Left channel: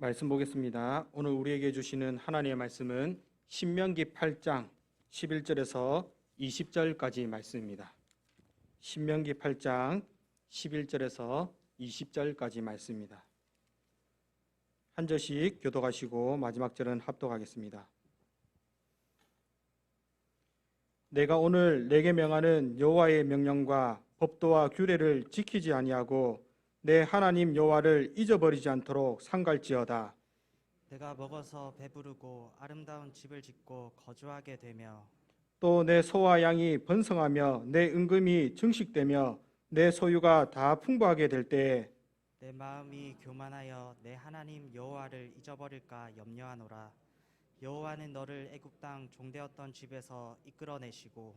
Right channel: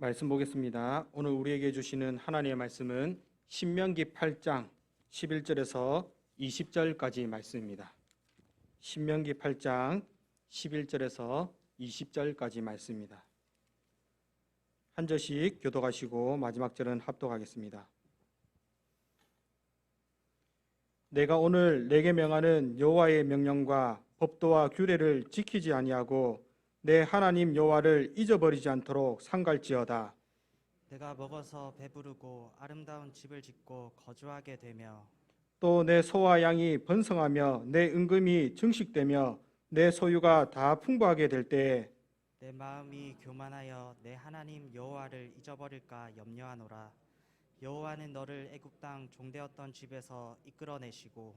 말씀 보겠습니다. 오늘 우리에게 주시는 하나님의 말씀은 신명기 8장 11절에서 20절까지 말씀입니다. 신명기 8장 11절에서 20절까지 말씀입니다. 한 절씩 교독하시고 마지막 절은 합독하겠습니다. 내가 오늘 내게 명하는 여호와의 명령과 법도와 규례를 지키지 아니하고 내 하나님 여호와를 잊어버리지 않도록 삼갈지어다. 내가 먹어서 배부르고 아름다운 집을 짓고 거주하게 되며 또 내 소와 양이 번성하며 내 은금이 증식되며 내 소유가 다 풍부하게 될 때에 내 마음이 교만하여 내 하나님 여호와를 잊어버릴까 염려하노라. 여호와는 너를 애굽 땅 종되었던 집에서 이끌어내시고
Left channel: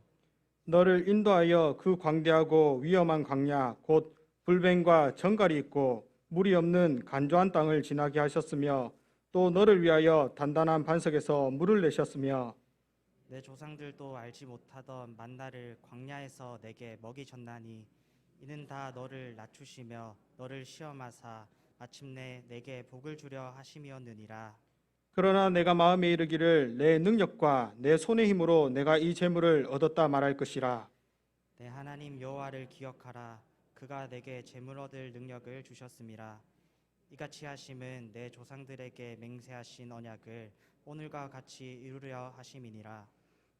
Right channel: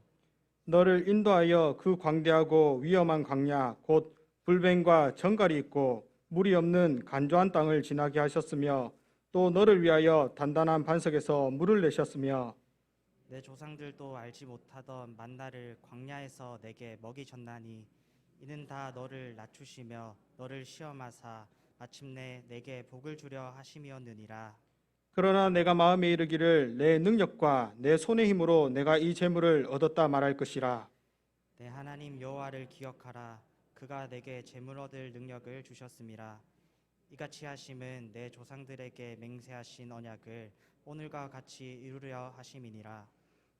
너를 인도하여 그 광대하고 위험한 광야 곧 불뱀과 정갈이 있고 물이 없는 간조한 땅을 지나게 하셨으며 또 너를 위하여 단단한 반석에서 물을 내셨으며 내 조상들도 알지 못하던 만나를 광야에서 내게 먹이셨나니 이는 다 너를 낮추시며 너를 시험하사 마침내 내게 복을 주려 하심이었느니라. 그러나 내가 마음에 이르기를 내 능력과 내 손의 힘으로 내가 이 재물을 얻었다 말할 것이라. 내 하나님 여호와를 기억하라. 그가 내게 재물 얻을 능력을 주셨음이라. 이같이 하심은 내 조상들에게 맹세하신 언약을 오늘과 같이 이루려 하심이니라.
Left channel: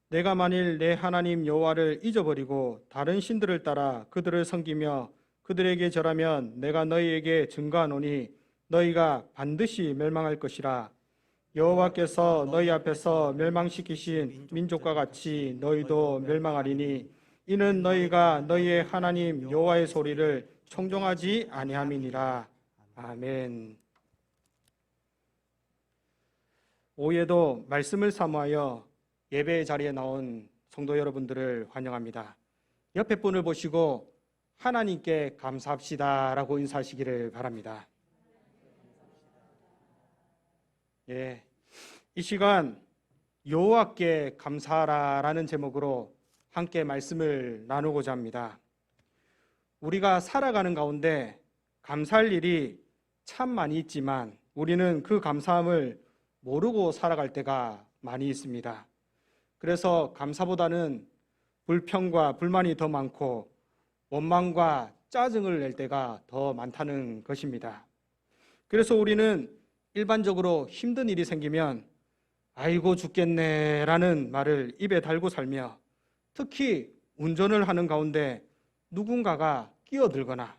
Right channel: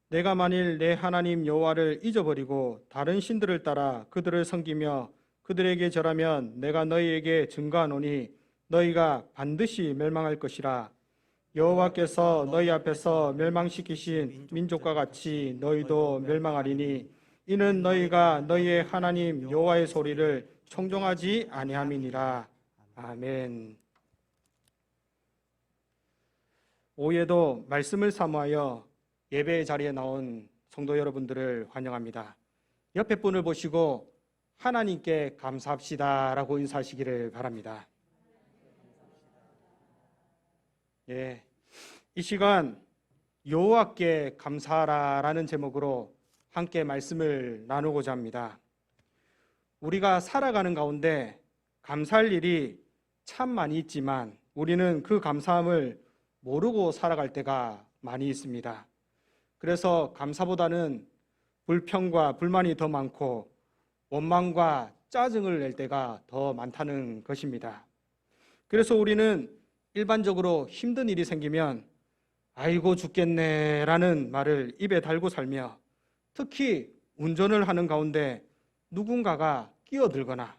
내가 만일 내 하나님 여호와를 잊어버리고 다른 신들을 따라 그들을 섬기며 그들에게 절하면 내가 너희에게 증거하노니 너희가 반드시 멸망할 것이라. 여호와께서 너희 앞에서 멸망시키신 민족과 같이 너희도 멸망하리니 이는 너희가 너희의 하나님 여호와의 소리를 청종하지 아니함이니라. 아멘. 오후에도 말씀을 사모하여 예배의 자리에 나온 성도 여러분들을 환영합니다. 옆에 분을 보시고 하나님께 감사합시다라고 인사하시기를 바랍니다. 예, 이 시간 여호와께 감사하라라는 제목으로 함께 말씀을 나누고자 합니다. 우리가 살아가는 가운데 감사할 일이 참 많이 있지만 우리는 그 감사함을 모르고 살아갈 때가 많이 있습니다. 그래서 감사보다는 불평과 불만이 더 많고 원망과 짜증을 낼 때가 더 많다는 것입니다. 그래서 우리는 일반적으로 힘든 일이 생기면 아이고 죽겠네 라는 말을 입에 달고 살며 특히 운전을 하는 가운데 누군가가 끼어들거나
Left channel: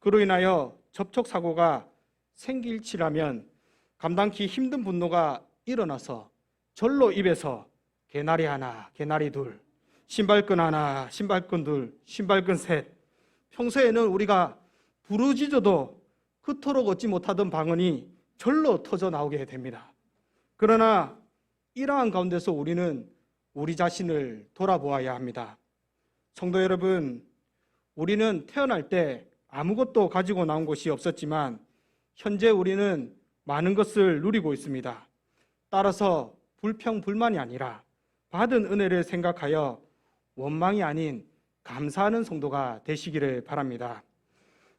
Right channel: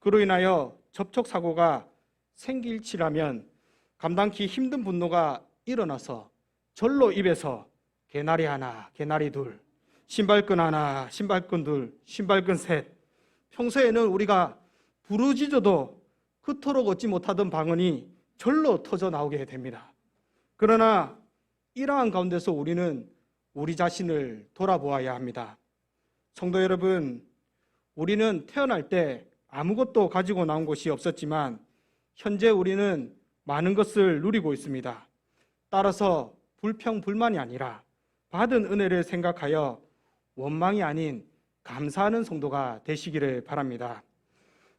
그로 인하여 접촉사고가 생길지라면 감당치 힘든 분노가 일어나서 절로 입에서 개나리 하나, 개나리 둘, 신발끈 하나, 신발끈 둘, 신발끈 셋. 평소에는 우리가 부르짖어도 그토록 얻지 못하던 방언이 절로 터져 나오게 됩니다. 그러나 이러한 가운데서 우리는 우리 자신을 돌아보아야 합니다. 성도 여러분, 우리는 태어날 때 아무것도 가지고 나온 것이 없었지만 현재 우리는 많은 것을 누리고 있습니다. 따라서 불평, 불만이 아니라 받은 은혜를 생각하여 원망이 아닌 감사하는 성도가 되시기를 바랍니다.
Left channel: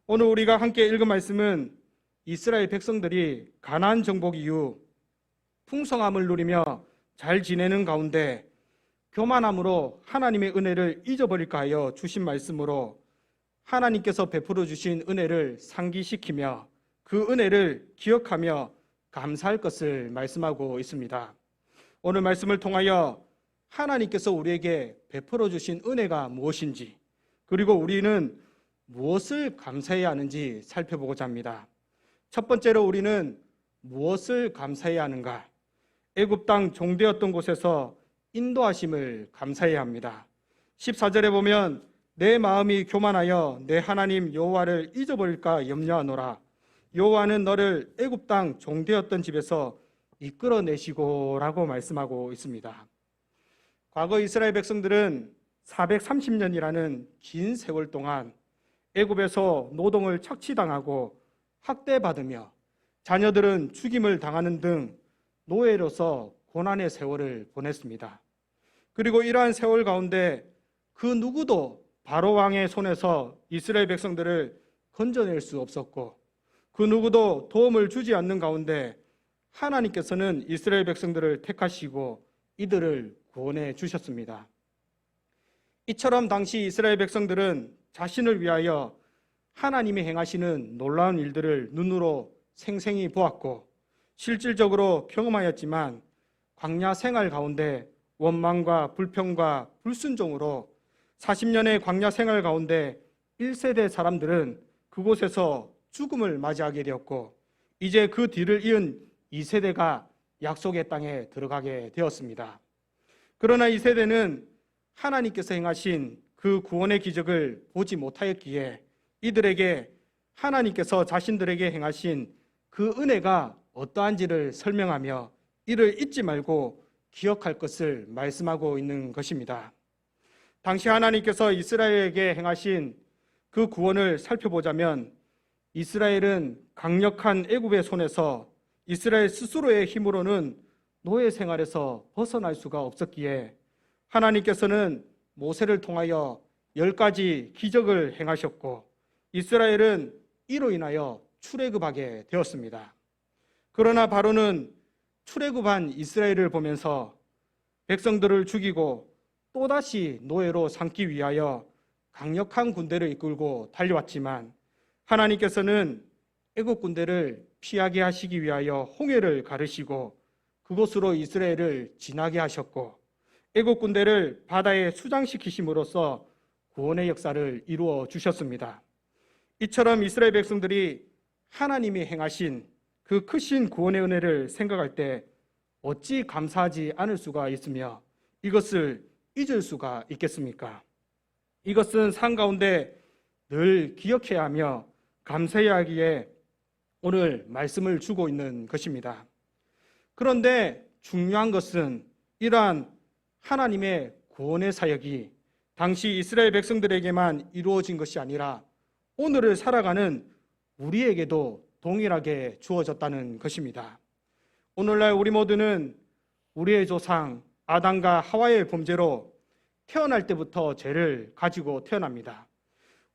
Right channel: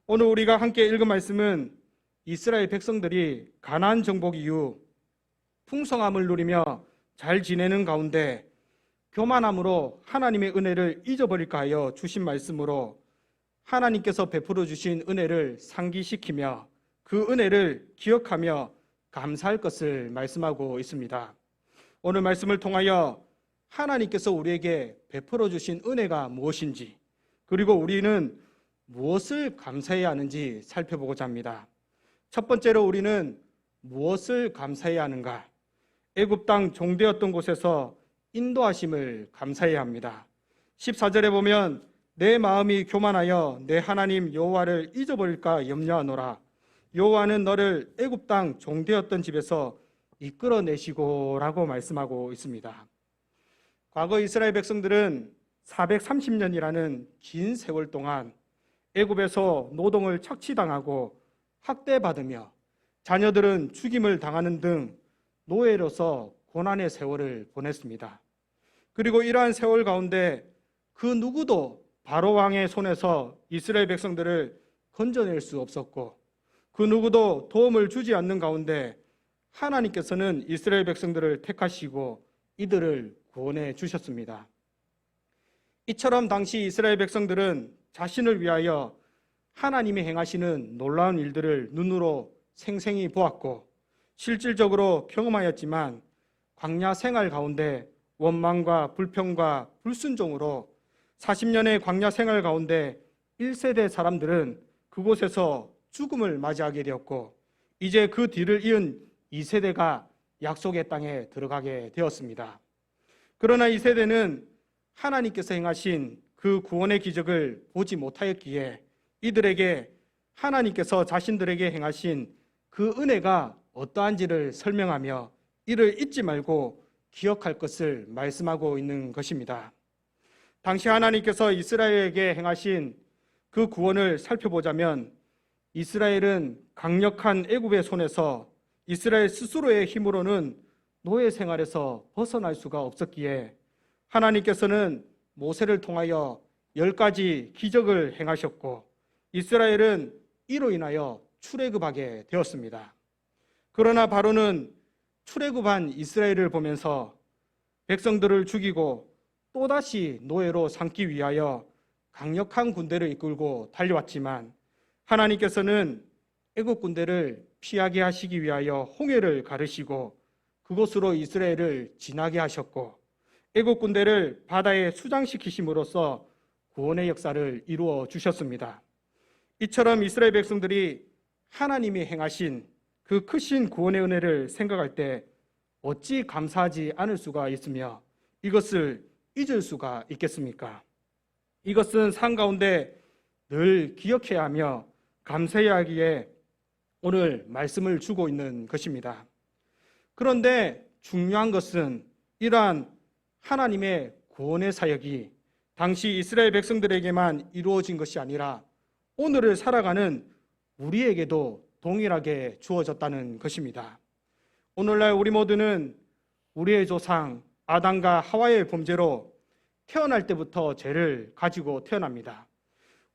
오늘 우리가 함께 읽은 말씀은 이스라엘 백성들이 가나안 정복 이후 풍성함을 누리며 잘 지내는 가운데 교만함으로 하나님의 은혜를 잊어버릴까 하여 주신 말씀으로 하나님께서 베풀어 주신 은혜를 상기시키며 그 은혜를 기억하며 감사할 것을 말씀하고 있습니다. 오늘 말씀을 통하여 하나님께서 우리에게 베풀어 주신 은혜가 무엇인지 그리고 우리는 무엇을 감사해야 하는지 살펴보고자 합니다. 첫 번째로 우리는 무엇을 감사해야 하는가? 애굽 땅 종되었던 곳에서 인도하심을 감사해야 합니다. 14절에 보면 내 마음이 교만하여 내 하나님 여호와를 잊어버릴까 염려하노라. 여호와는 너를 애굽 땅 종되었던 집에서 이끌어내시고 라고 말씀하고 있습니다. 과거 이스라엘 백성들은 430년이라는 긴 세월 동안 애굽에서 노동을 착취당하고 학대받으며 자녀들은 죽임을 당하는 등 노예로서 고난의 세월을 보냈습니다. 그리고 이러한 세월 가운데 그 누구도 바로 왕의 손에서 이스라엘 백성들을 건져낼 수 없었고 그 누구도 도움을 주지 않는 가운데 하나님께서는 이스라엘 백성들을 택하시고 이들을 구원해 주셨습니다. 이처럼 당시 이스라엘 백성들은 자신을 위하여 하나님이 행하시는 놀라운 일들을 눈으로 생생히 보았고 실질적으로 경험하였지만 광야 생활 가운데 원망과 불평과 불순종으로 40년의 광야 생활 가운데 1세대 사람들은 그곳에서 죽음을 맞이하게 되었고 이제 그 뒤를 이은 2세대가 약속의 땅에 들어가게 되었습니다. 그러나 이 세대는 하나님께서 행하신 그 구원의 기적을 보지 못하였기에 이들에게 하나님께서 자신들에게 행하신 그 은혜가 어떠한지를 설명하며 이를 잊지 말고 기억할 것을 말씀하고 있는 것입니다. 당시 하나님께서 이스라엘에게 행하신 그 구원을 살펴보자면 이스라엘은 강력한 애굽의 손에서 이스라엘 스스로의 힘으로는 노예 생활에서 벗어날 수가 없었기에 하나님께서는 모세를 통하여 10가지 기적을 행하셨고 이스라엘은 이로 인하여 출애굽하게 되었습니다. 그러나 바로는 출애굽한 이스라엘을 보면서 백성들을 죽이고 또다시 노예로 삼기 위하여 강력한 군대를 이끌고 달려왔지만 하나님께서는 애굽 군대를 피하게 하시기 위하여 홍해를 가르시고 그곳으로 이스라엘을 지나게 하셨고 애굽 군대를 바다에 수장시키심으로써 구원의 역사를 이루어 주셨습니다. 이처럼 이스라엘 백성들이 하나님이 행하신 그 크신 구원의 은혜를 생각할 때 어찌 감사하지 않을 수가 있으며 이것을 잊을 수가 있겠습니까? 이것은 삶 가운데 늘 기억해야 하며 감사해야 하기에 오늘 말씀을 주고 있는 것입니다. 그런데 중요한 것은 이러한 하나님의 구원의 사역이 당시 이스라엘 백성들에게만 이루어진 것이 아니라 오늘을 살아가는 우리에게도 동일하게 주어졌다는 것입니다. 오늘날 우리 모두는 우리의 조상 아담과 하와의 범죄로 태어날 때부터 죄를 가지고 태어납니다.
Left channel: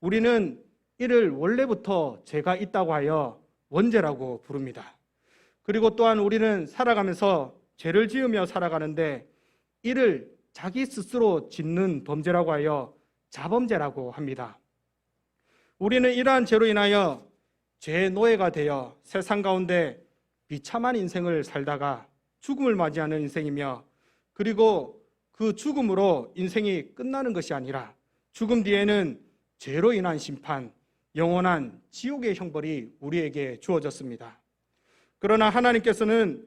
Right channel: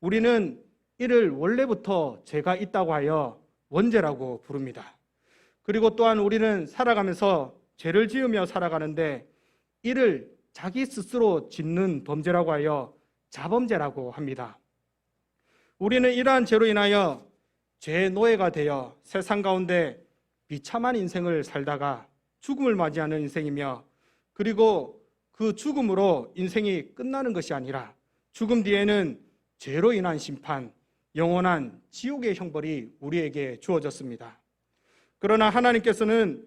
우리는 이를 원래부터 죄가 있다고 하여 원죄라고 부릅니다. 그리고 또한 우리는 살아가면서 죄를 지으며 살아가는데 이를 자기 스스로 짓는 범죄라고 하여 자범죄라고 합니다. 우리는 이러한 죄로 인하여 죄의 노예가 되어 세상 가운데 비참한 인생을 살다가 죽음을 맞이하는 인생이며 그리고 그 죽음으로 인생이 끝나는 것이 아니라 죽음 뒤에는 죄로 인한 심판, 영원한 지옥의 형벌이 우리에게 주어졌습니다. 그러나 하나님께서는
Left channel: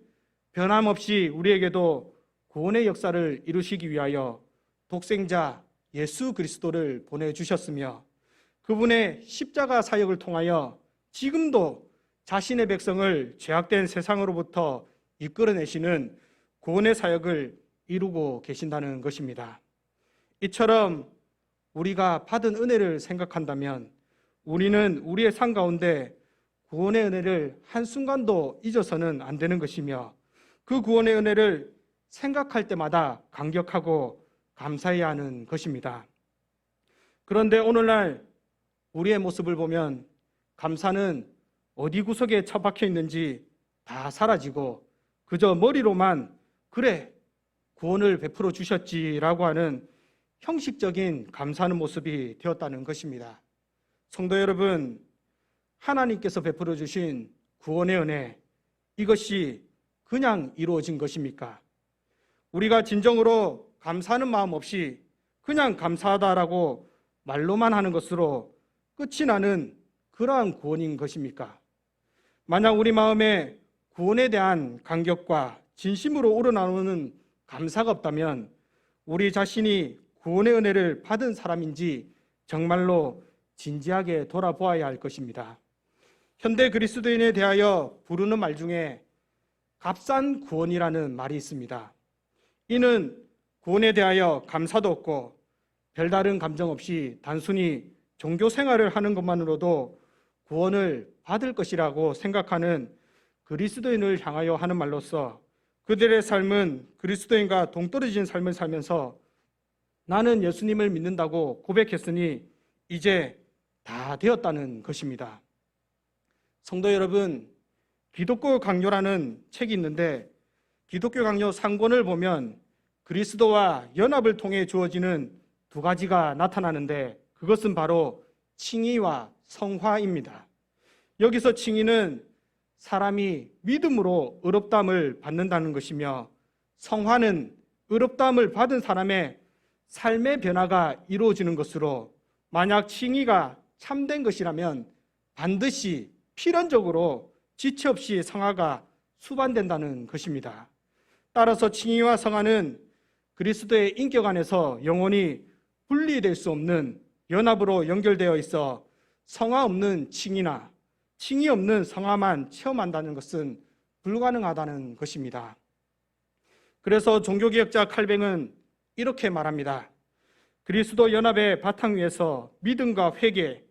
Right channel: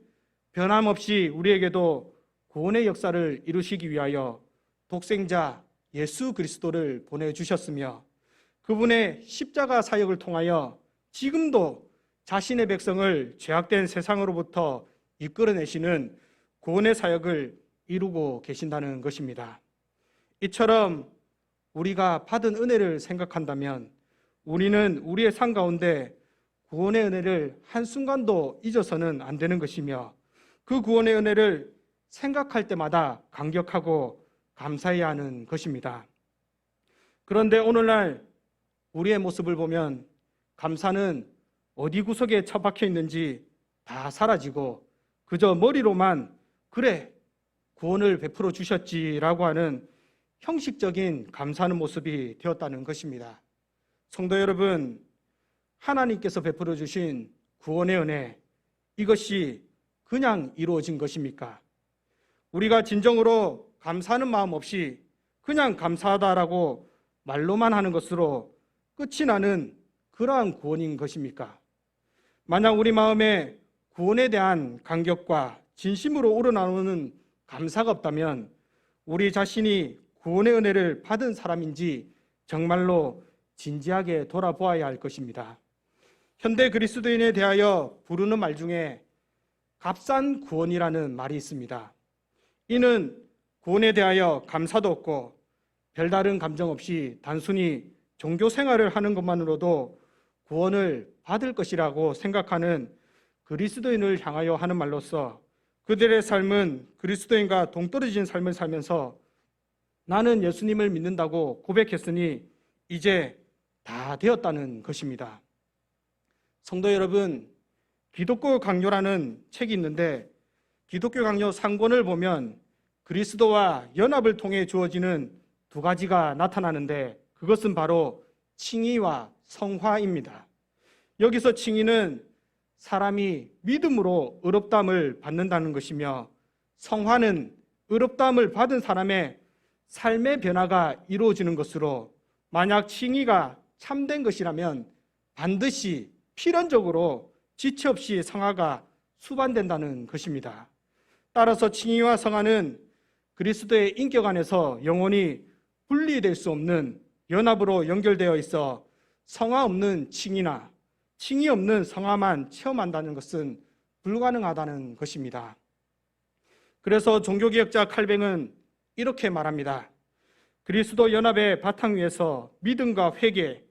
변함없이 우리에게도 구원의 역사를 이루시기 위하여 독생자 예수 그리스도를 보내주셨으며 그분의 십자가 사역을 통하여 지금도 자신의 백성을 죄악된 세상으로부터 이끌어내시는 구원의 사역을 이루고 계신다는 것입니다. 이처럼 우리가 받은 은혜를 생각한다면 우리는 우리의 삶 가운데 구원의 은혜를 한순간도 잊어서는 안 되는 것이며 그 구원의 은혜를 생각할 때마다 감격하고 감사해야 하는 것입니다. 그런데 오늘날 우리의 모습을 보면 감사는 어디 구석에 처박혀 있는지 다 사라지고 그저 머리로만 그래 구원을 베풀어 주셨지라고 하는 형식적인 감사하는 모습이 되었다는 것입니다. 성도 여러분, 하나님께서 베풀어 주신 구원의 은혜 이것이 그냥 이루어진 것입니까? 우리가 진정으로 감사하는 마음 없이 그냥 감사하다라고 말로만 하는 것으로 끝이 나는 그러한 구원인 것입니까? 만약 우리 마음에 구원에 대한 감격과 진심으로 우러나오는 감사가 없다면 우리 자신이 구원의 은혜를 받은 사람인지 정말로 진지하게 돌아보아야 할 것입니다. 현대 그리스도인에 대하여 부르는 말 중에 값싼 구원이라는 말이 있습니다. 이는 구원에 대하여 감사도 없고 별다른 감정 없이 단순히 종교 생활을 하는 것만으로도 구원을 받을 것이라고 생각하는 그리스도인을 향하여 하는 말로서 그들의 삶은 그리스도인과 동떨어진 삶을 살면서 나는 예수님을 믿는다고 고백했으니 이제 다 되었다는 것입니다. 성도 여러분, 기독교 강요라는 책이 있는데 기독교 강요 상권을 보면 그리스도와 연합을 통해 주어지는 두 가지가 나타나는데 그것은 바로 칭의와 성화입니다. 여기서 칭의는 사람이 믿음으로 의롭다함을 받는다는 것이며 성화는 의롭다함을 받은 사람의 삶의 변화가 이루어지는 것으로 만약 칭의가 참된 것이라면 반드시 필연적으로 지체 없이 성화가 수반된다는 것입니다. 따라서 칭의와 성화는 그리스도의 인격 안에서 영원히 분리될 수 없는 연합으로 연결되어 있어 성화 없는 칭의나 칭의 없는 성화만 체험한다는 것은 불가능하다는 것입니다. 그래서 종교개혁자 칼뱅은 이렇게 말합니다. 그리스도 연합의 바탕 위에서 믿음과 회개,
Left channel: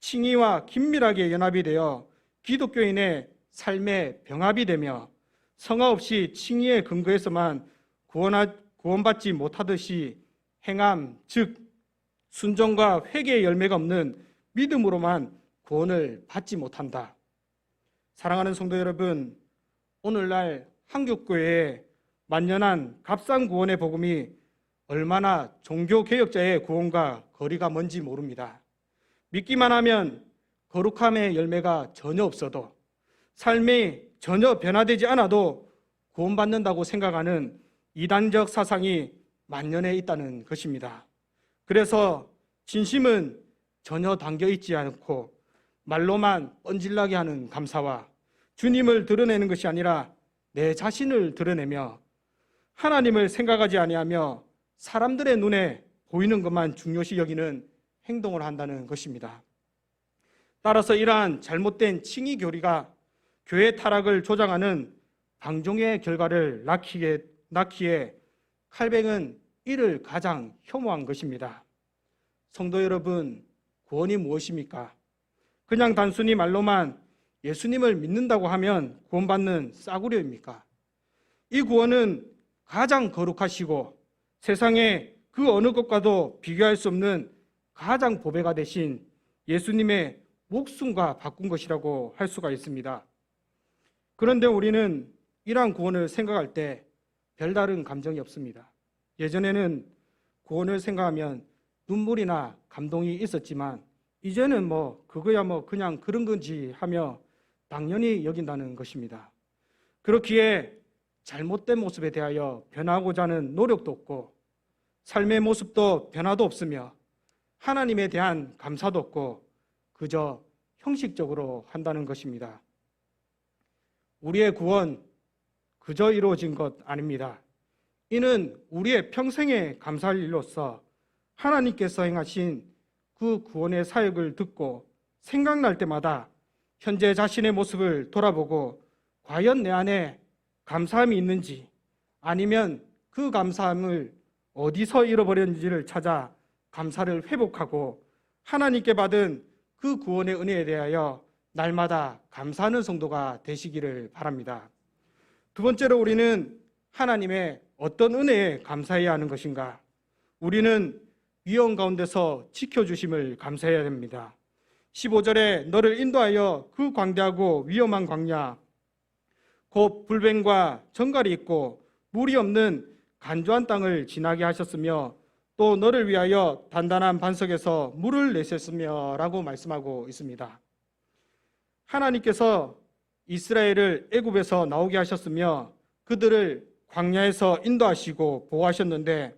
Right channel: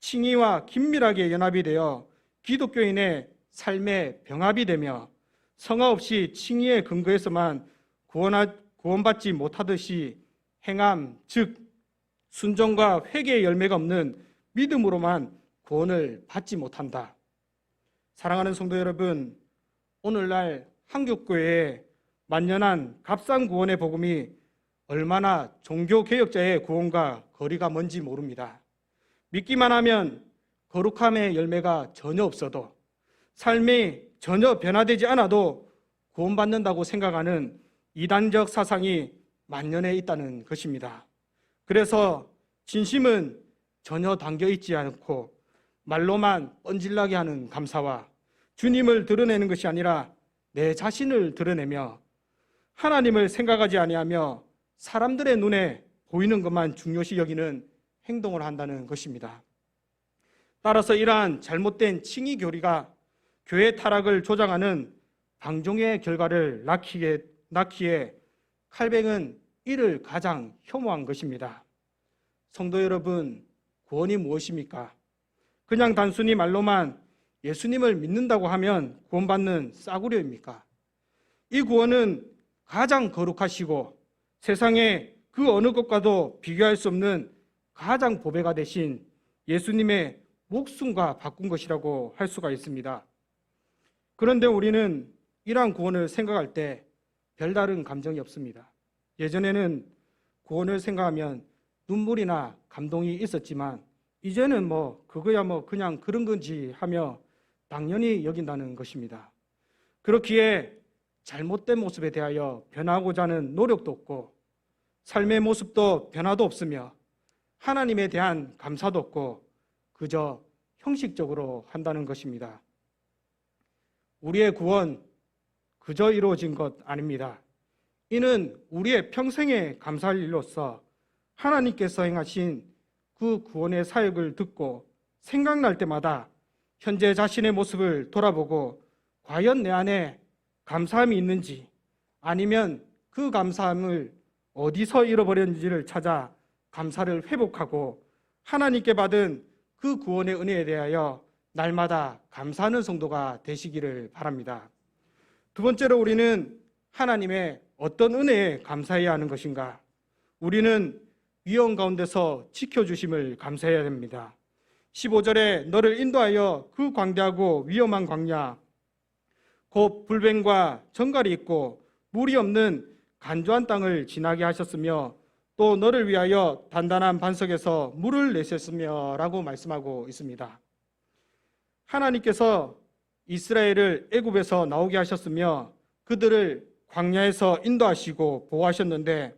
칭의와 긴밀하게 연합이 되어 기독교인의 삶의 병합이 되며 성화 없이 칭의의 근거에서만 구원받지 못하듯이 행함, 즉 순종과 회개의 열매가 없는 믿음으로만 구원을 받지 못한다. 사랑하는 성도 여러분, 오늘날 한국교회의 만연한 값싼 구원의 복음이 얼마나 종교개혁자의 구원과 거리가 먼지 모릅니다. 믿기만 하면 거룩함의 열매가 전혀 없어도 삶이 전혀 변화되지 않아도 구원받는다고 생각하는 이단적 사상이 만연해 있다는 것입니다. 그래서 진심은 전혀 담겨 있지 않고 말로만 뻔질나게 하는 감사와 주님을 드러내는 것이 아니라 내 자신을 드러내며 하나님을 생각하지 아니하며 사람들의 눈에 보이는 것만 중요시 여기는 행동을 한다는 것입니다. 따라서 이러한 잘못된 칭의 교리가 교회 타락을 조장하는 방종의 결과를 낳기에 칼뱅은 이를 가장 혐오한 것입니다. 성도 여러분, 구원이 무엇입니까? 그냥 단순히 말로만 예수님을 믿는다고 하면 구원받는 싸구려입니까? 이 구원은 가장 거룩하시고 세상에 그 어느 것과도 비교할 수 없는 가장 보배가 되신 예수님의 목숨과 바꾼 것이라고 할 수가 있습니다. 그런데 우리는 이러한 구원을 생각할 때 별다른 감정이 없습니다. 예전에는 구원을 생각하면 눈물이나 감동이 있었지만 이제는 그거야 그냥 그런 건지 하며 당연히 여긴다는 것입니다. 그렇기에 잘못된 모습에 대하여 변하고자 하는 노력도 없고 삶의 모습도 변화도 없으며 하나님에 대한 감사도 없고 그저 형식적으로 한다는 것입니다. 우리의 구원 그저 이루어진 것 아닙니다. 이는 우리의 평생에 감사할 일로서 하나님께서 행하신 그 구원의 사역을 듣고 생각날 때마다 현재 자신의 모습을 돌아보고 과연 내 안에 감사함이 있는지 아니면 그 감사함을 어디서 잃어버렸는지를 찾아 감사를 회복하고 하나님께 받은 그 구원의 은혜에 대하여 날마다 감사하는 성도가 되시기를 바랍니다. 두 번째로 우리는 하나님의 어떤 은혜에 감사해야 하는 것인가? 우리는 위험 가운데서 지켜주심을 감사해야 됩니다. 15절에 너를 인도하여 그 광대하고 위험한 광야 곧 불뱀과 정갈이 있고 물이 없는 간조한 땅을 지나게 하셨으며 또 너를 위하여 단단한 반석에서 물을 내셨으며 라고 말씀하고 있습니다. 하나님께서 이스라엘을 애굽에서 나오게 하셨으며 그들을 광야에서 인도하시고 보호하셨는데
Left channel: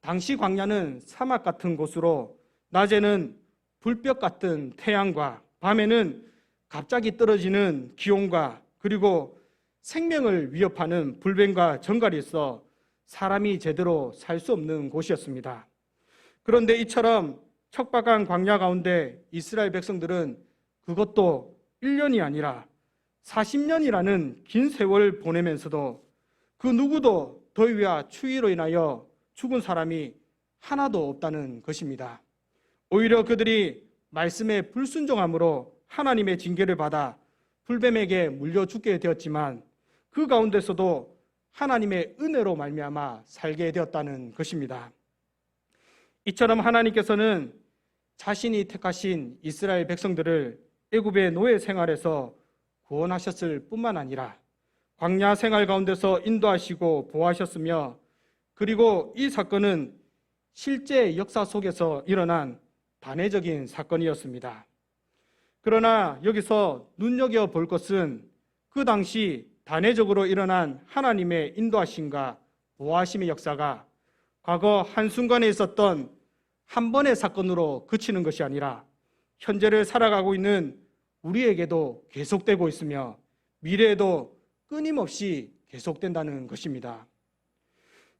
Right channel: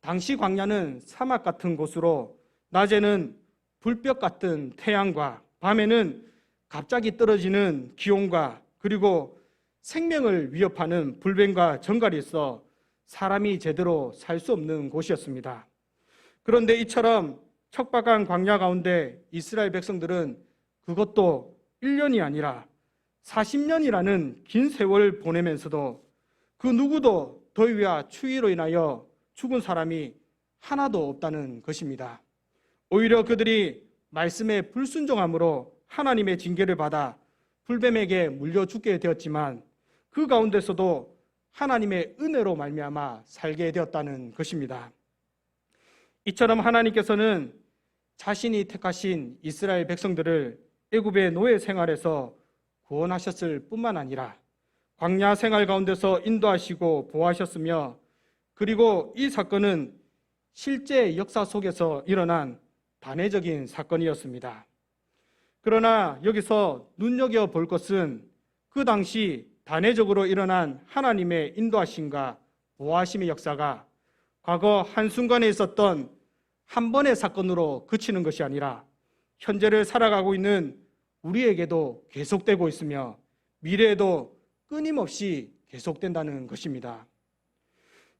당시 광야는 사막 같은 곳으로 낮에는 불볕 같은 태양과 밤에는 갑자기 떨어지는 기온과 그리고 생명을 위협하는 불뱀과 정갈이 있어 사람이 제대로 살 수 없는 곳이었습니다. 그런데 이처럼 척박한 광야 가운데 이스라엘 백성들은 그것도 1년이 아니라 40년이라는 긴 세월을 보내면서도 그 누구도 더위와 추위로 인하여 죽은 사람이 하나도 없다는 것입니다. 오히려 그들이 말씀에 불순종함으로 하나님의 징계를 받아 불뱀에게 물려 죽게 되었지만 그 가운데서도 하나님의 은혜로 말미암아 살게 되었다는 것입니다. 이처럼 하나님께서는 자신이 택하신 이스라엘 백성들을 애굽의 노예 생활에서 구원하셨을 뿐만 아니라 광야 생활 가운데서 인도하시고 보호하셨으며, 그리고 이 사건은 실제 역사 속에서 일어난 단회적인 사건이었습니다. 그러나 여기서 눈여겨볼 것은 그 당시 단회적으로 일어난 하나님의 인도하심과 보호하심의 역사가 과거 한순간에 있었던 한 번의 사건으로 그치는 것이 아니라 현재를 살아가고 있는 우리에게도 계속되고 있으며 미래에도 끊임없이 계속된다는 것입니다.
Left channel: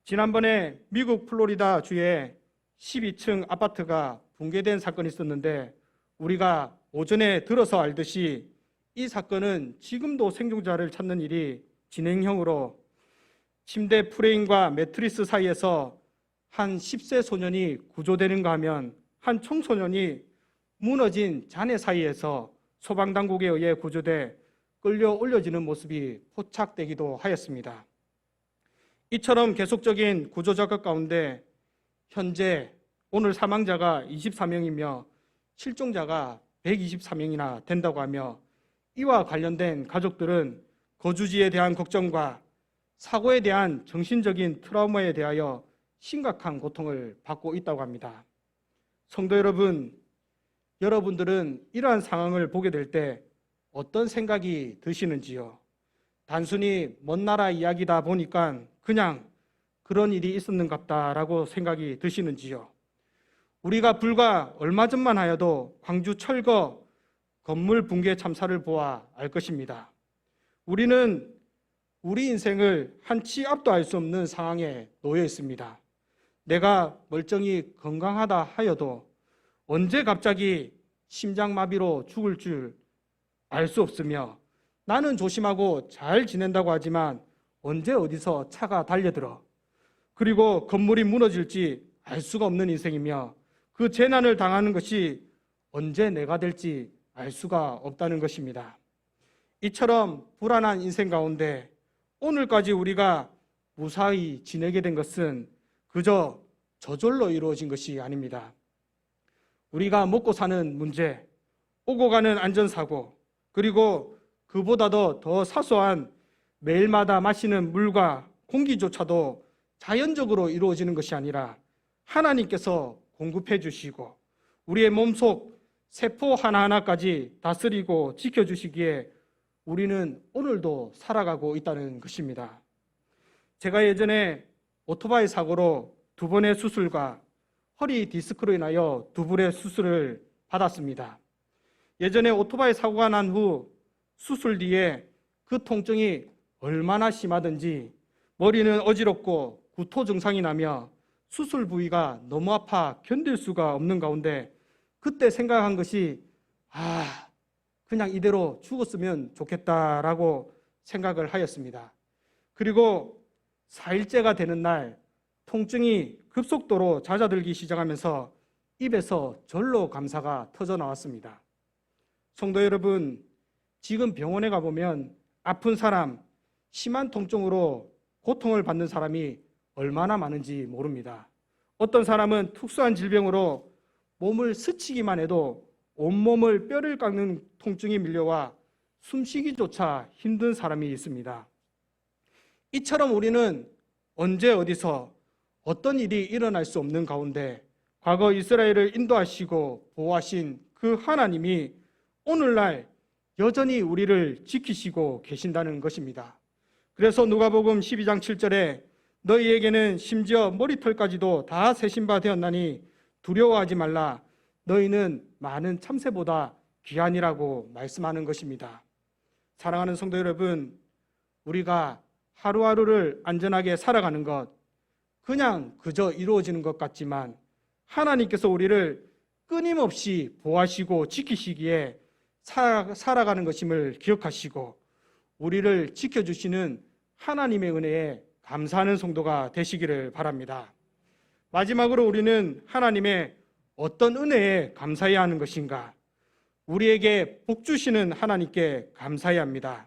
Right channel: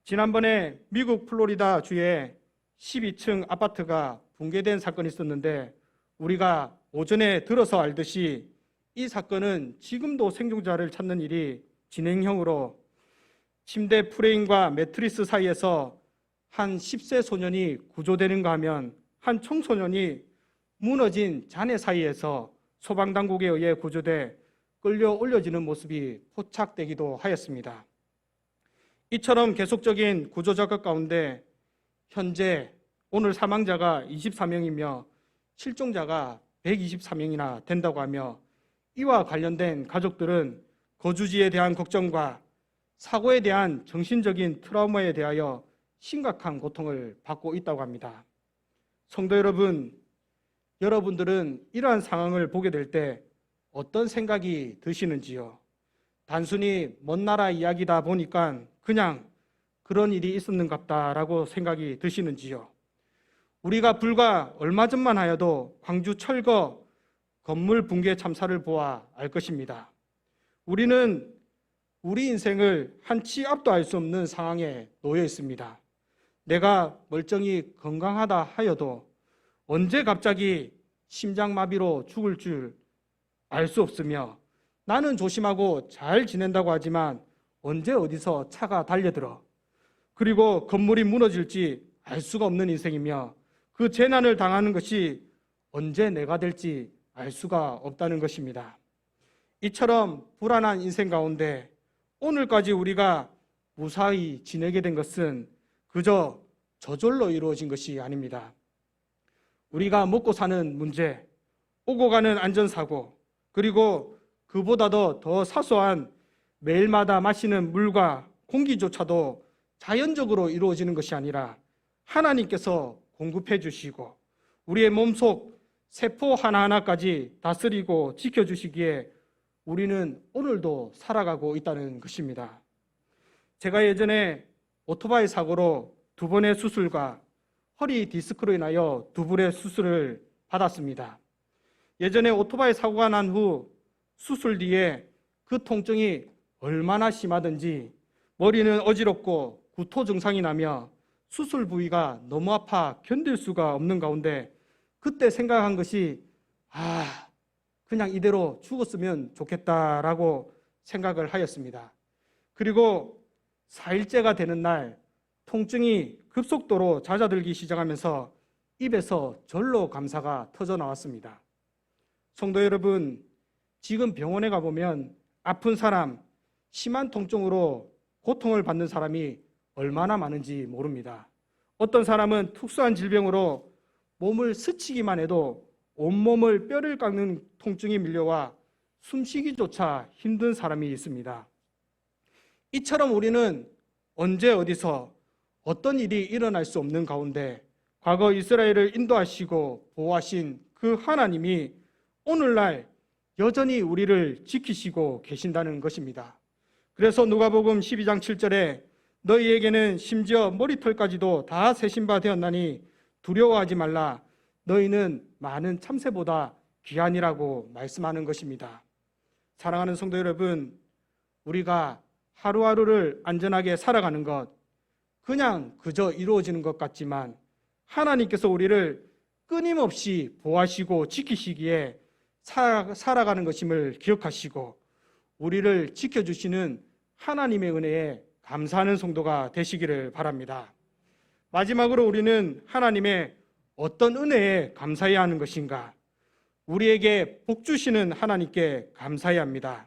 지난번에 미국 플로리다 주에 12층 아파트가 붕괴된 사건이 있었는데, 우리가 오전에 들어서 알듯이 이 사건은 지금도 생존자를 찾는 일이 진행형으로 침대 프레임과 매트리스 사이에서 한 10세 소년이 구조되는가 하면 한 청소년이 무너진 잔해 사이에서 소방당국에 의해 구조돼 끌려 올려지는 모습이 포착되기도 하였습니다. 이처럼 계속적인 구조 작업 가운데 현재 오늘 사망자가 24명이며 실종자가 124명이나 된다고 하며, 이와 관련된 가족들은 거주지에 대한 걱정과 사고에 대한 정신적인 트라우마에 대하여 심각한 고통을 받고 있다고 합니다. 성도 여러분, 여러분들은 이러한 상황을 보게 될 때 어떤 생각이 드시는지요? 단순히 먼 나라 이야기다 보니까 그냥 그런 일이 있었는갑다라고 생각이 드시는지요? 우리가 불과 얼마 전만 하여도 광주 철거 건물 붕괴 참사를 보아 알 것입니다. 우리는 우리 인생을 한치 앞도 알 수 없는 상황에 놓여 있습니다. 내가 멀쩡히 건강하다 하여도 언제 갑자기 심장마비로 죽을 줄 알 수 없으며, 나는 조심하고 잘 지낸다고 하지만 언제 어디서 차가 달려들어 그리고 건물이 무너질지 알 수가 없는 인생이며, 그 재난을 당하는 것이 언제 내가 될지 알 수가 없다는 것입니다. 이처럼 불안한 인생 가운데 오늘까지 우리가 무사히 지내게 된 것은 그저 저절로 이루어진 것이 아닙니다. 우리가 먹고 사는 문제, 오고 가는 안전사고, 그리고 그보다도 더 사소한 매일마다 마시는 물과 공기조차도 자연적으로 이루어지는 것이 아니라 하나님께서 공급해 주시고 우리의 몸속 세포 하나하나까지 다스리고 지켜주시기에 우리는 오늘도 살아가고 있다는 것입니다. 제가 예전에 오토바이 사고로 2번의 수술과 허리 디스크로 인하여 2불의 수술을 받았습니다. 예전에 오토바이 사고가 난 후 수술 뒤에 그 통증이 얼마나 심하든지 머리는 어지럽고 구토 증상이 나며 수술 부위가 너무 아파 견딜 수가 없는 가운데 그때 생각한 것이 그냥 이대로 죽었으면 좋겠다라고 생각을 하였습니다. 그리고 4일째가 되는 날 통증이 급속도로 잦아들기 시작하면서 입에서 절로 감사가 터져 나왔습니다. 성도 여러분, 지금 병원에 가보면 아픈 사람, 심한 통증으로 고통을 받는 사람이 얼마나 많은지 모릅니다. 어떤 사람은 특수한 질병으로 몸을 스치기만 해도 온몸을 뼈를 깎는 통증이 밀려와 숨쉬기조차 힘든 사람이 있습니다. 이처럼 우리는 언제 어디서 어떤 일이 일어날 수 없는 가운데 과거 이스라엘을 인도하시고 보호하신 그 하나님이 오늘날 여전히 우리를 지키시고 계신다는 것입니다. 그래서 누가복음 12장 7절에 너희에게는 심지어 머리털까지도 다 세신 바 되었나니 두려워하지 말라. 너희는 많은 참새보다 귀하니라고 말씀하는 것입니다. 사랑하는 성도 여러분, 우리가 하루하루를 안전하게 살아가는 것, 그냥 그저 이루어지는 것 같지만 하나님께서 우리를 끊임없이 보호하시고 지키시기에 살아가는 것임을 기억하시고 우리를 지켜주시는 하나님의 은혜에 감사하는 성도가 되시기를 바랍니다. 마지막으로 우리는 하나님의 어떤 은혜에 감사해야 하는 것인가? 우리에게 복 주시는 하나님께 감사해야 합니다.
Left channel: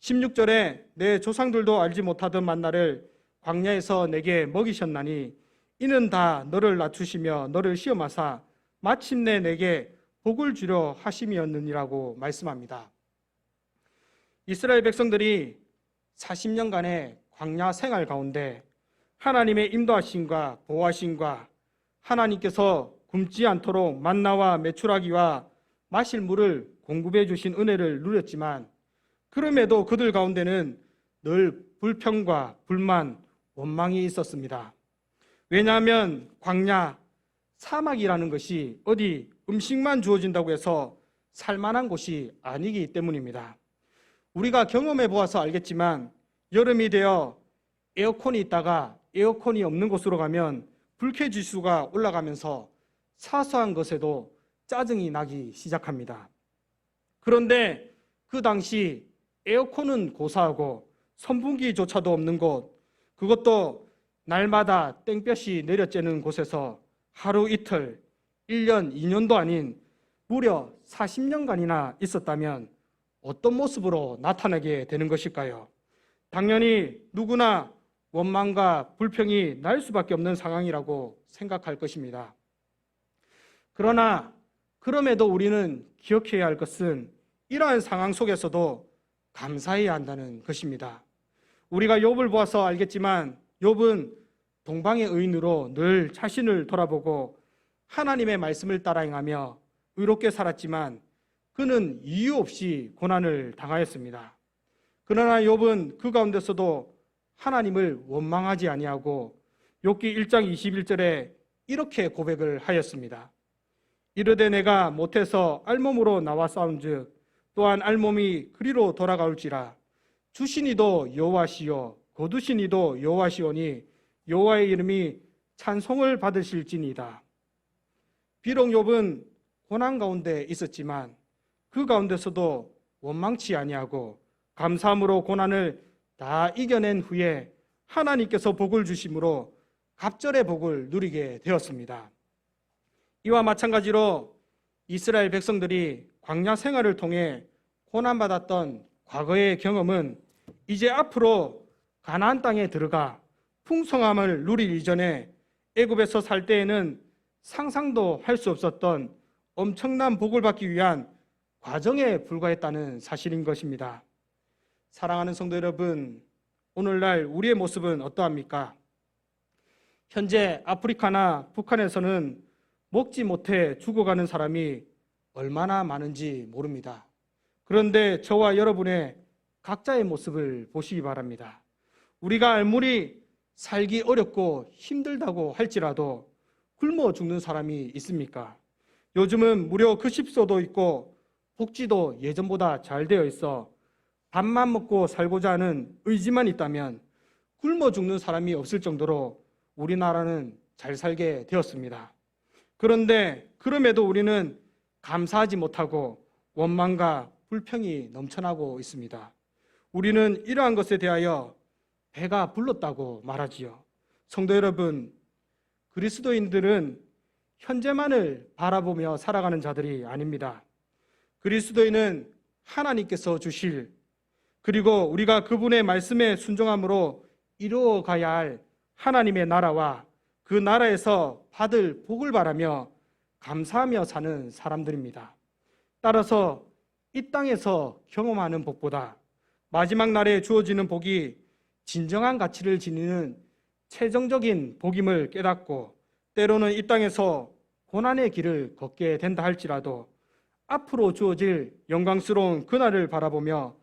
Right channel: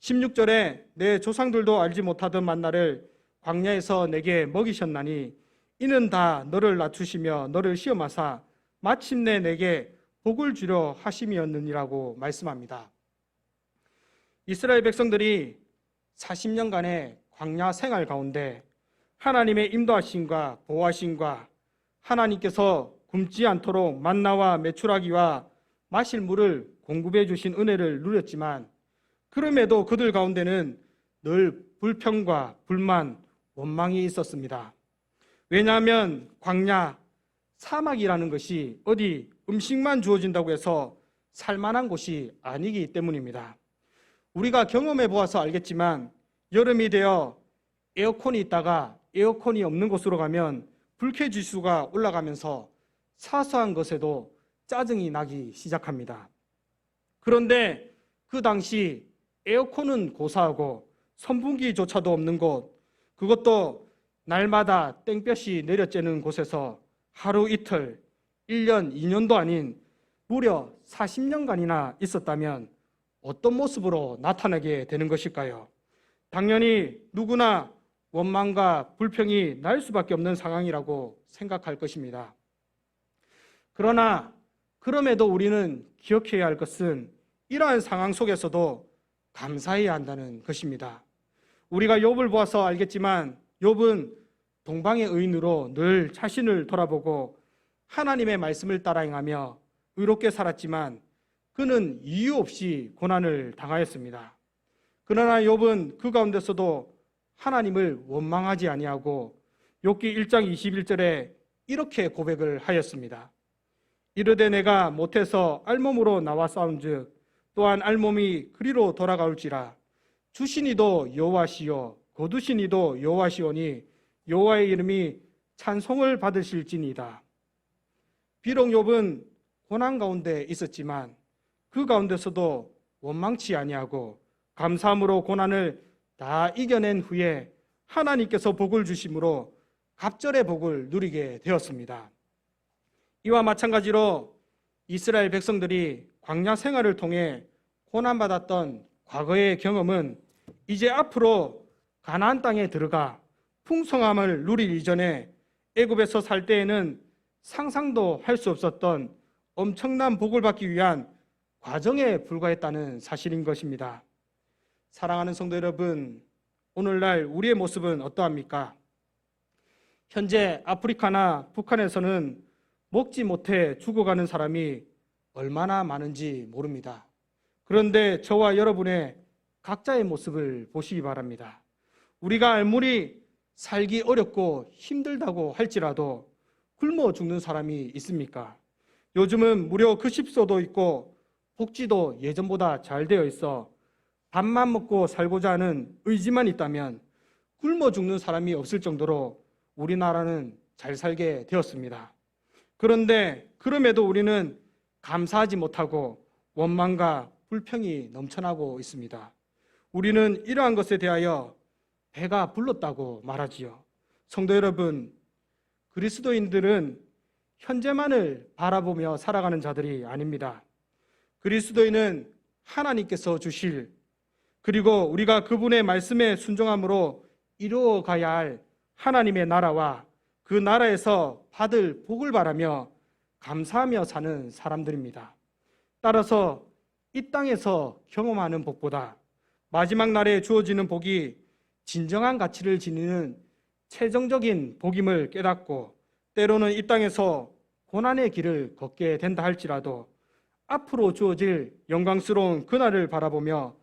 16절에 내 조상들도 알지 못하던 만나를 광야에서 내게 먹이셨나니 이는 다 너를 낮추시며 너를 시험하사 마침내 내게 복을 주려 하심이었느니라고 말씀합니다. 이스라엘 백성들이 40년간의 광야 생활 가운데 하나님의 인도하심과 보호하심과 하나님께서 굶지 않도록 만나와 메추라기와 마실 물을 공급해 주신 은혜를 누렸지만, 그럼에도 그들 가운데는 늘 불평과 불만, 원망이 있었습니다. 왜냐하면 광야, 사막이라는 것이 어디 음식만 주어진다고 해서 살만한 곳이 아니기 때문입니다. 우리가 경험해 보아서 알겠지만 여름이 되어 에어컨이 있다가 에어컨이 없는 곳으로 가면 불쾌지수가 올라가면서 사소한 것에도 짜증이 나기 시작합니다. 그런데 그 당시 에어컨은 고사하고 선풍기조차도 없는 곳, 그것도 날마다 땡볕이 내려쬐는 곳에서 하루 이틀, 1년, 2년도 아닌 무려 40년간이나 있었다면 어떤 모습으로 나타나게 되는 것일까요? 당연히 누구나 원망과 불평이 날 수밖에 없는 상황이라고 생각할 것입니다. 그러나 그럼에도 우리는 기억해야 할 것은 이러한 상황 속에서도 감사해야 한다는 것입니다. 우리가 욥을 보아서 알겠지만 욥은 동방의 의인으로 늘 자신을 돌아보고 하나님의 말씀을 따라 행하며 의롭게 살았지만 그는 이유 없이 고난을 당하였습니다. 그러나 욥은 그 가운데서도 하나님을 원망하지 아니하고 욥기 1장 21절에 이렇게 고백을 하였습니다. 이르되 내가 못해서 알몸으로 나와 싸운즉 또한 알몸이 그리로 돌아가올지라. 주시니도 여호와시요 거두시니도 여호와시오니 여호와의 이름이 찬송을 받으실지니이다. 비록 욥은 고난 가운데 있었지만 그 가운데서도 원망치 아니하고 감사함으로 고난을 다 이겨낸 후에 하나님께서 복을 주심으로 갑절의 복을 누리게 되었습니다. 이와 마찬가지로 이스라엘 백성들이 광야 생활을 통해 고난받았던 과거의 경험은 이제 앞으로 가나안 땅에 들어가 풍성함을 누릴 이전에 애굽에서 살 때에는 상상도 할 수 없었던 엄청난 복을 받기 위한 과정에 불과했다는 사실인 것입니다. 사랑하는 성도 여러분, 오늘날 우리의 모습은 어떠합니까? 현재 아프리카나 북한에서는 먹지 못해 죽어가는 사람이 얼마나 많은지 모릅니다. 그런데 저와 여러분의 각자의 모습을 보시기 바랍니다. 우리가 아무리 살기 어렵고 힘들다고 할지라도 굶어 죽는 사람이 있습니까? 요즘은 무료 급식소도 있고 복지도 예전보다 잘 되어 있어 밥만 먹고 살고자 하는 의지만 있다면 굶어 죽는 사람이 없을 정도로 우리나라는 잘 살게 되었습니다. 그런데 그럼에도 우리는 감사하지 못하고 원망과 불평이 넘쳐나고 있습니다. 우리는 이러한 것에 대하여 배가 불렀다고 말하지요. 성도 여러분, 그리스도인들은 현재만을 바라보며 살아가는 자들이 아닙니다. 그리스도인은 하나님께서 주실, 그리고 우리가 그분의 말씀에 순종함으로 이루어가야 할 하나님의 나라와 그 나라에서 받을 복을 바라며 감사하며 사는 사람들입니다. 따라서 이 땅에서 경험하는 복보다 마지막 날에 주어지는 복이 진정한 가치를 지니는 최종적인 복임을 깨닫고 때로는 이 땅에서 고난의 길을 걷게 된다 할지라도 앞으로 주어질 영광스러운 그날을 바라보며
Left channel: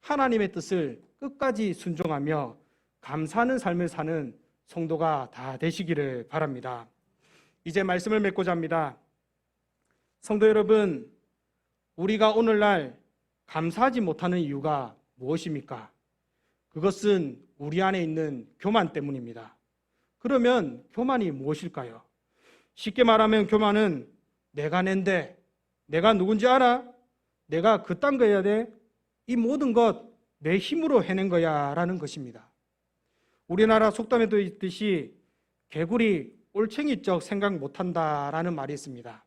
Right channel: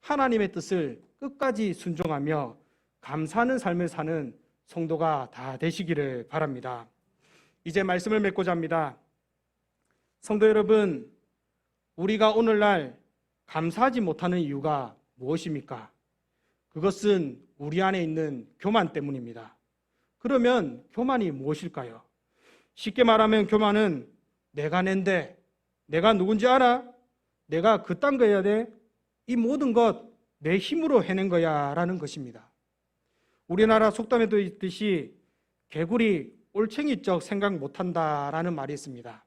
하나님의 뜻을 끝까지 순종하며 감사하는 삶을 사는 성도가 다 되시기를 바랍니다. 이제 말씀을 맺고자 합니다. 성도 여러분, 우리가 오늘날 감사하지 못하는 이유가 무엇입니까? 그것은 우리 안에 있는 교만 때문입니다. 그러면 교만이 무엇일까요? 쉽게 말하면 교만은 내가 낸데, 내가 누군지 알아? 내가 그딴 거 해야 돼? 이 모든 것 내 힘으로 해낸 거야 라는 것입니다. 우리나라 속담에도 있듯이 개구리 올챙이적 생각 못한다라는 말이 있습니다.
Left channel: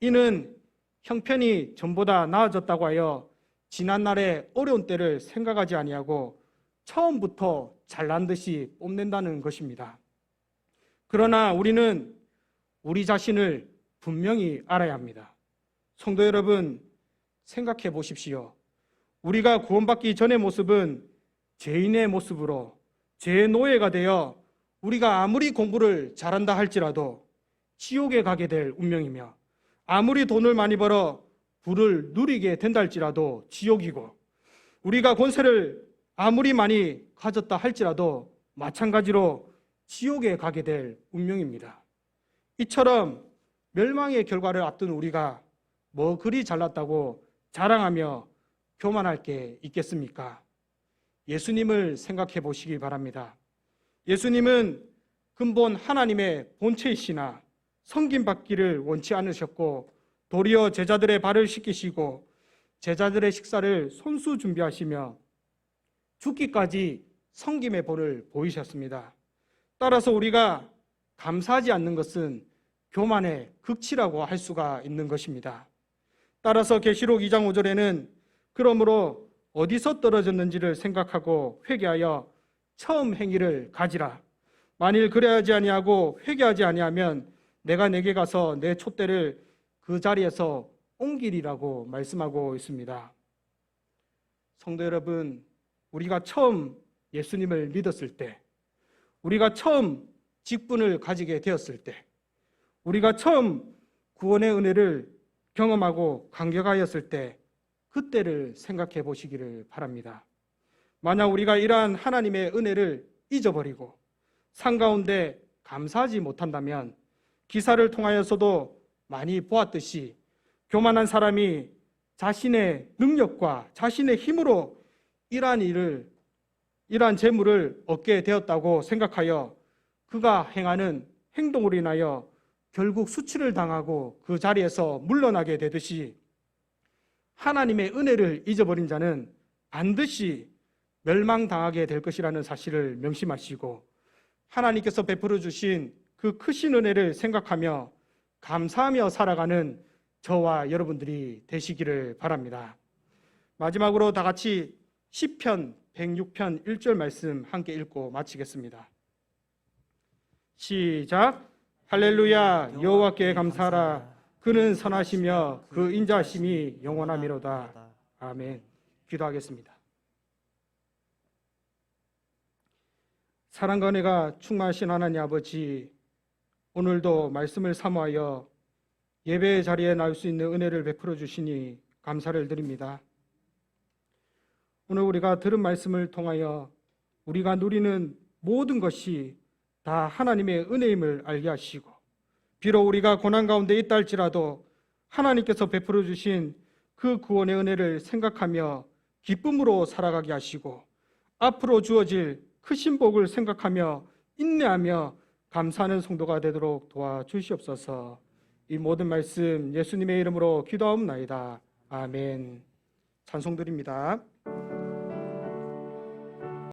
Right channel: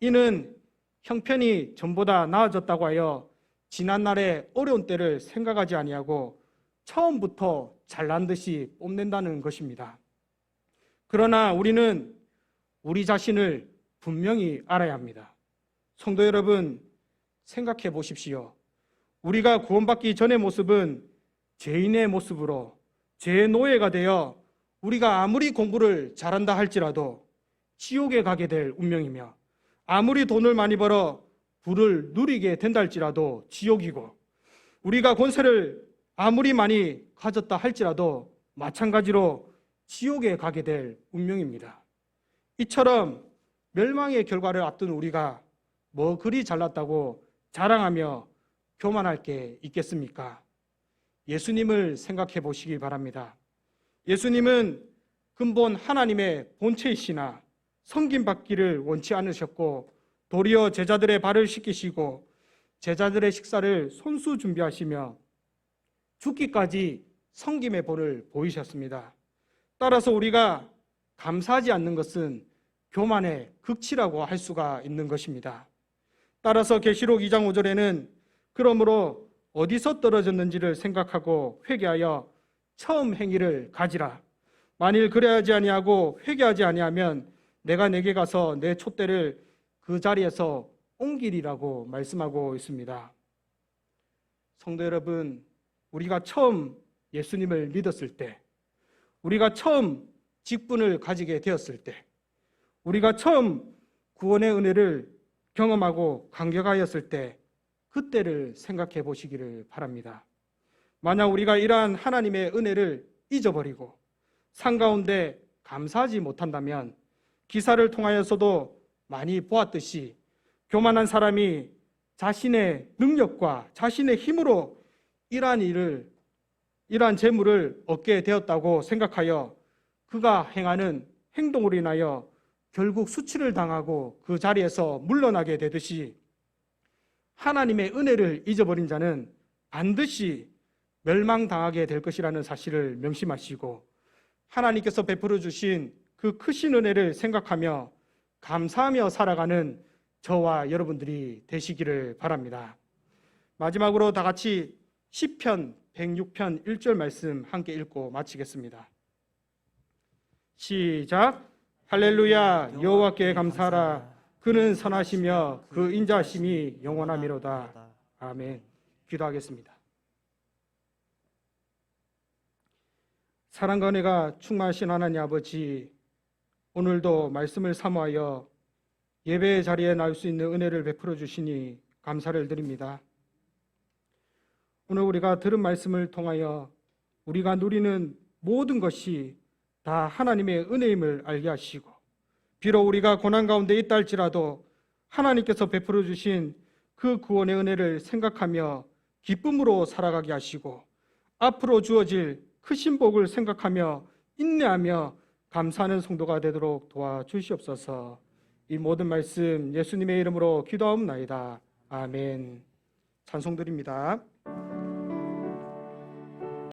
이는 형편이 전보다 나아졌다고 하여 지난날의 어려운 때를 생각하지 아니하고 처음부터 잘난 듯이 뽐낸다는 것입니다. 그러나 우리는 우리 자신을 분명히 알아야 합니다. 성도 여러분, 생각해 보십시오. 우리가 구원받기 전의 모습은 죄인의 모습으로 죄의 노예가 되어 우리가 아무리 공부를 잘한다 할지라도 지옥에 가게 될 운명이며, 아무리 돈을 많이 벌어 부를 누리게 된다 할지라도 지옥이고, 우리가 권세를 아무리 많이 가졌다 할지라도 마찬가지로 지옥에 가게 될 운명입니다. 이처럼 멸망의 결과를 앞둔 우리가 뭐 그리 잘났다고 자랑하며 교만할 게 있겠습니까? 예수님을 생각해 보시기 바랍니다. 예수님은 근본 하나님의 본체이시나 섬김받기를 원치 않으셨고, 도리어 제자들의 발을 씻기시고 제자들의 식사를 손수 준비하시며 죽기까지 섬김의 본을 보이셨습니다. 따라서 우리가 감사하지 않는 것은 교만의 극치라고 할 수가 있는 것입니다. 따라서 계시록 2장 5절에는 그러므로 어디서 떨어졌는지를 생각하고 회개하여 처음 행위를 가지라. 만일 그래야지 아니하고 회개하지 아니하면 내가 내게 가서 내 촛대를 그 자리에서 옮기리라고 말씀하고 있습니다. 성도 여러분, 우리가 처음 예수님을 믿었을 때, 우리가 처음 직분을 가지게 되었을 때, 우리가 처음 구원의 은혜를 경험하고 감격하였을 때, 그때를 생각해 보시기를 바랍니다. 만약 우리가 이러한 하나님의 은혜를 잊어버리고 산 가운데 감사하지 못한다면, 기사를 통하여서도 많이 보았듯이 교만한 사람이 자신의 능력과 자신의 힘으로 이러한 재물을 얻게 되었다고 생각하여 그가 행하는 행동으로 인하여 결국 수치를 당하고 그 자리에서 물러나게 되듯이, 하나님의 은혜를 잊어버린 자는 반드시 멸망당하게 될 것이라는 사실을 명심하시고, 하나님께서 베풀어 주신 그 크신 은혜를 생각하며 감사하며 살아가는 저와 여러분들이 되시기를 바랍니다. 마지막으로 다 같이 시편 106편 1절 말씀 함께 읽고 마치겠습니다. 시작. 할렐루야. 여호와께 감사하라. 그는 선하시며 그 인자하심이 영원하미로다. 아멘. 기도하겠습니다. 사랑과 은혜가 충만하신 하나님 아버지, 오늘도 말씀을 사모하여 예배의 자리에 나올 수 있는 은혜를 베풀어 주시니 감사를 드립니다. 오늘 우리가 들은 말씀을 통하여 우리가 누리는 모든 것이 다 하나님의 은혜임을 알게 하시고, 비록 우리가 고난 가운데 있다 할지라도 하나님께서 베풀어 주신 그 구원의 은혜를 생각하며 기쁨으로 살아가게 하시고, 앞으로 주어질 크신 복을 생각하며 인내하며 감사하는 성도가 되도록 도와주시옵소서. 이 모든 말씀 예수님의 이름으로 기도하옵나이다. 아멘. 찬송드립니다.